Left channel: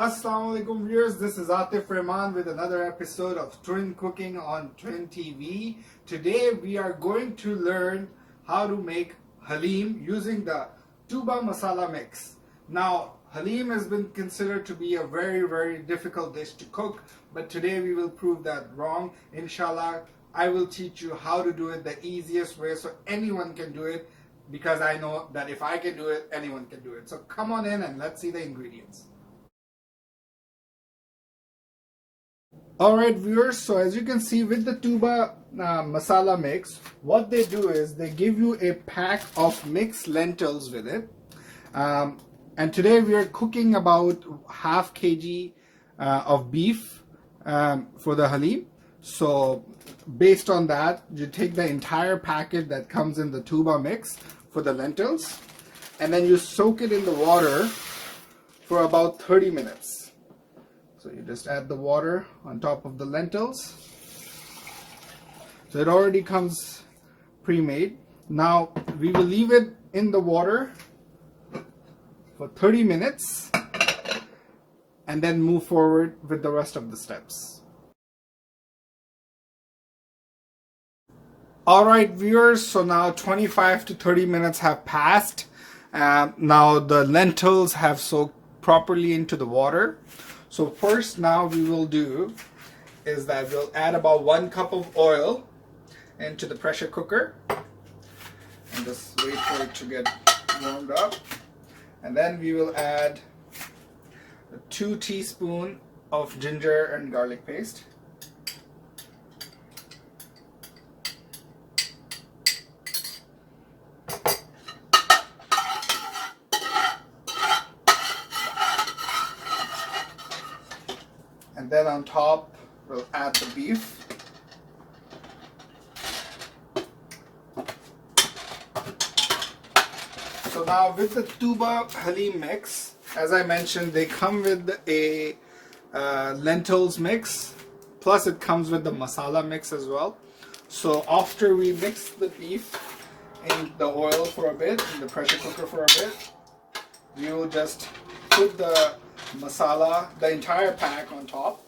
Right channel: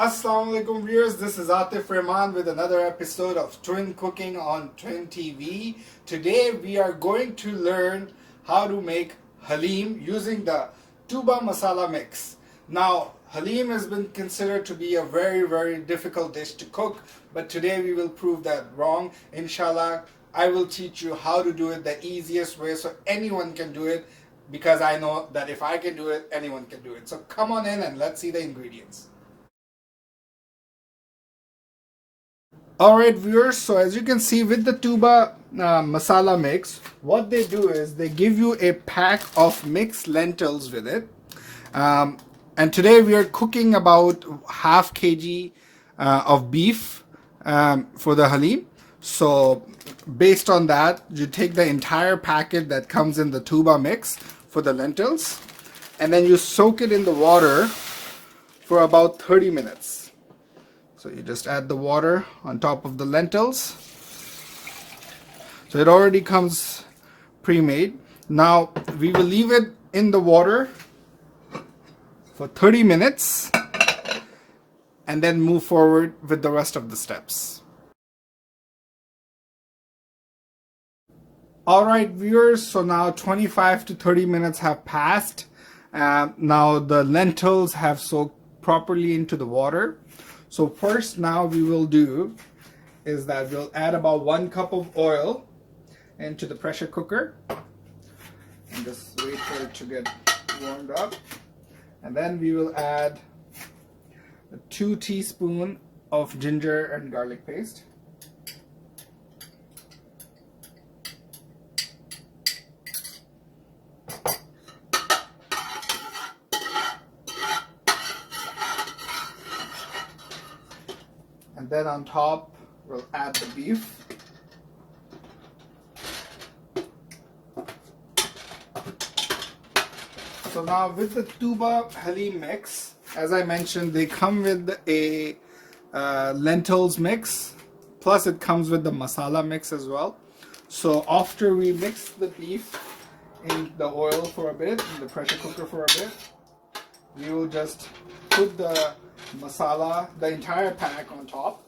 Assalamu alaikum viewers, this is Atif Rahman with another episode of Twin Cooking on Twin TV. Today we are going to learn how to make Haleem using the tuba masala mix. Now Haleem has been considered to be a very difficult dish to cook, but today we will prove that wrong. Inshallah, I will teach you how to do it the easiest way so anyone can do it, because I know that if I can do it, anyone can do it. So come on in and let's see the ingredients. Alright viewers, so as you can see with the tuba masala mix, what they do is they give you a pack of mixed lentils with it. And today we are cooking about half kg of beef for the Haleem. So based on that, you take the entire packet that comes in the tuba mix for the lentils, and then you soak it in the water for about 30 minutes. So you just add the water on top of the lentils. So it already comes pre-made. Now we will leave it in the water for 30 minutes and then move forward with the rest of the steps. Alright viewers, so now 25 to 30 minutes have passed. Now the lentils have soaked properly into the water. So first now we will do is that we'll add about 1 cup of oil into the pressure cooker and just wait for it to get warmed up. And then we will add 2 teaspoons of ginger and garlic paste. And then on top, we'll add the beef. So now with the tuba Haleem mix, as I mentioned, they come with a lentils mix, plus it comes with the masala mix as well. So after we mix the beef in the oil for a bit, in the pressure cooker for a bit, we will just put the masala, the entire pack on top,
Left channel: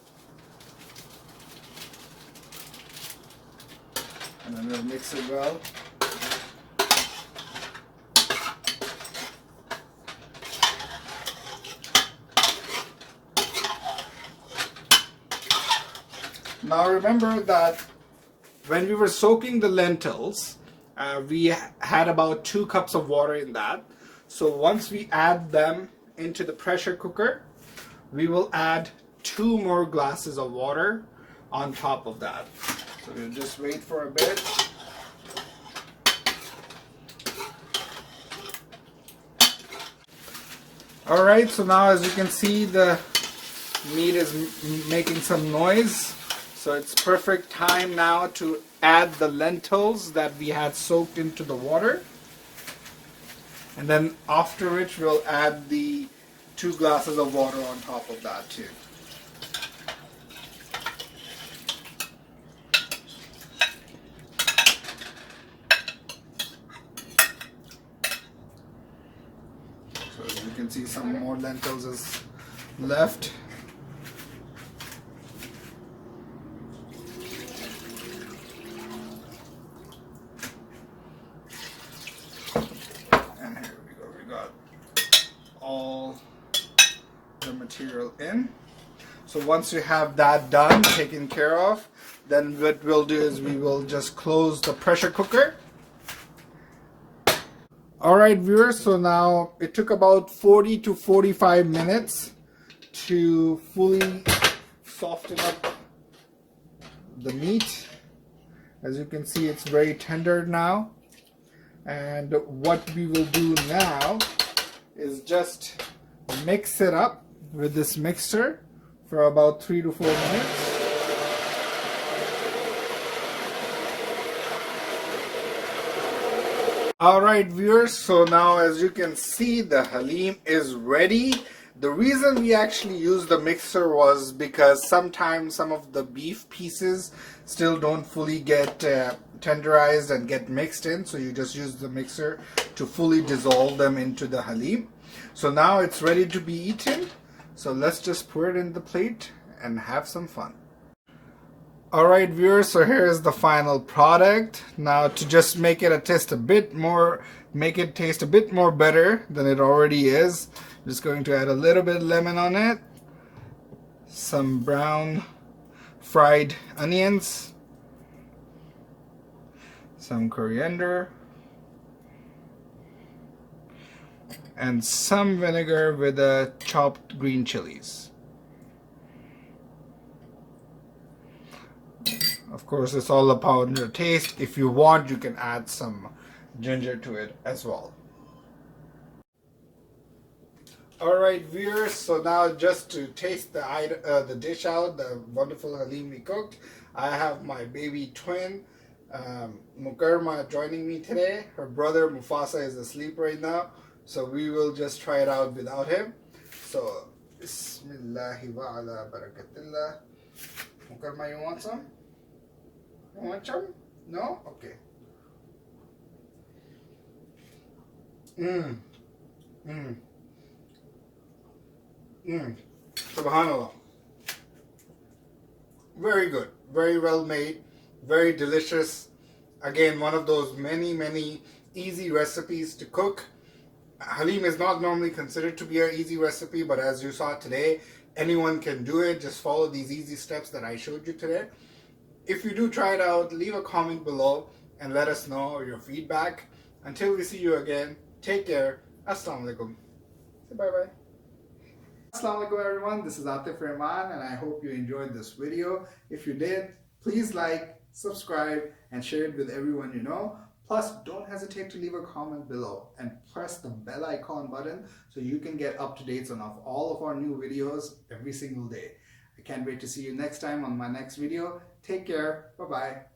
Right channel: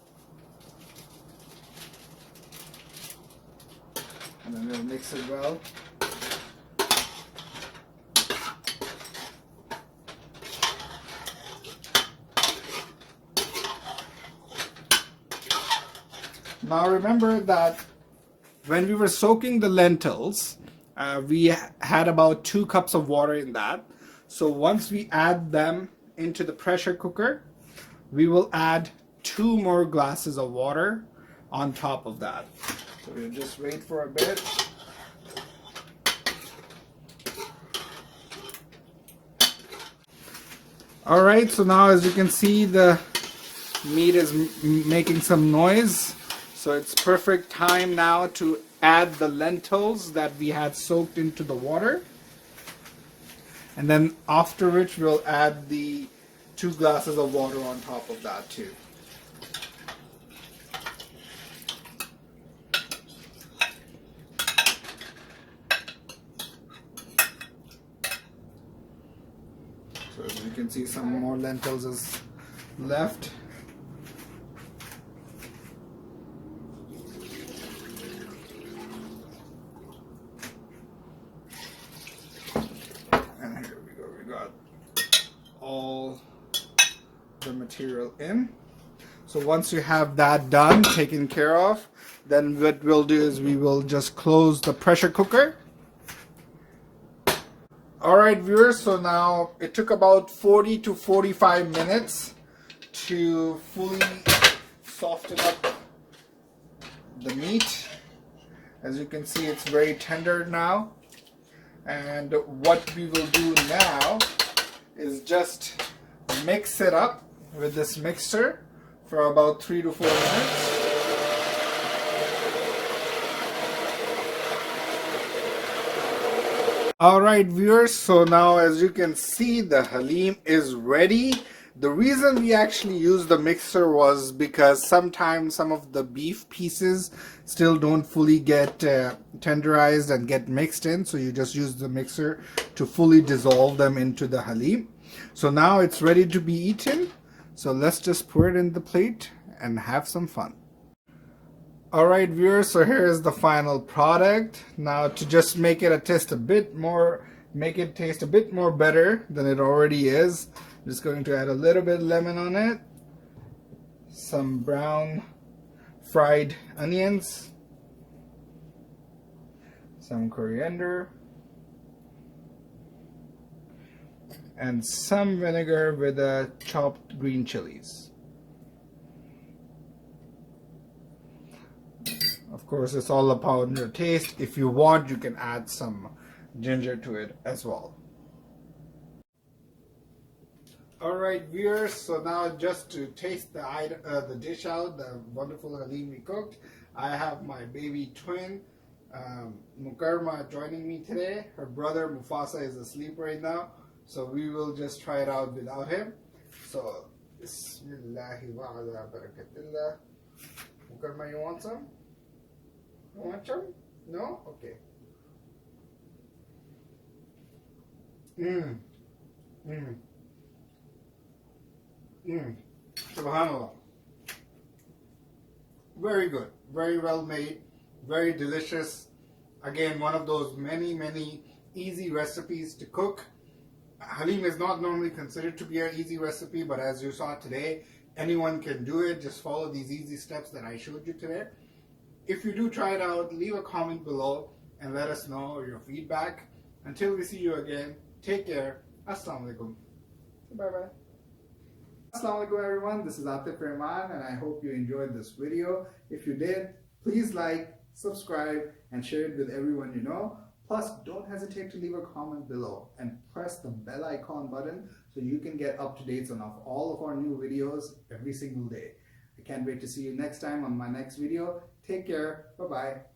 and then we'll mix it well. Now remember that when we were soaking the lentils, we had about 2 cups of water in that. So once we add them into the pressure cooker, we will add 2 more glasses of water on top of that. So we'll just wait for a bit. Alright, so now as you can see, the meat is making some noise. So it's perfect time now to add the lentils that we had soaked into the water. And then after which we'll add the 2 glasses of water on top of that too. So as you can see, some more lentils is left. And here we go, we got all the material in. So once you have that done, taken care of, then what we'll do is we will just close the pressure cooker. Alright viewers, so now it took about 40 to 45 minutes to fully soften up the meat. As you can see, it's very tender now. And what we will do now is just mix it up with this mixer for about 3 to 4 minutes. Alright viewers, so now as you can see, the Haleem is ready. The reason we actually used the mixer was because sometimes some of the beef pieces still don't fully get tenderized and get mixed in, so you just use the mixer to fully dissolve them into the Haleem. So now it's ready to be eaten. So let's just pour it in the plate and have some fun. Alright viewers, so here's the final product. Now to just make it taste a bit more better than it already is, I'm just going to add a little bit of lemon on it, some brown fried onions, some coriander, and some vinegar with chopped green chilies. Of course, it's all about your taste. If you want, you can add some ginger to it as well. Alright viewers, so now just to taste the dish out, the wonderful Haleem we cooked, I have my baby twin, Mukarma, joining me today. Her brother Mufasa is asleep right now, so we will just try it out without him. So, Bismillahi wa ala barakatillah. Mukarma, you want some? You want some? No? Okay. Subhanallah. Very good. Very well made. Very delicious. Again, one of those many easy recipes to cook. Haleem is not normally considered to be an easy recipe, but as you saw today, anyone can do it. Just follow these easy steps that I showed you today. If you do try it out, leave a comment below and let us know your feedback. Until we see you again, take care. Assalamu alaikum. Bye bye. Assalamu alaikum everyone, this is Atif Rahman and I hope you enjoyed this video. If you did, please like, subscribe and share it with everyone you know. Plus, don't hesitate to leave a comment below and press the bell icon button so you can get up-to-dates on all of our new videos every single day. I can't wait to see you next time on my next video. Take care. Bye-bye.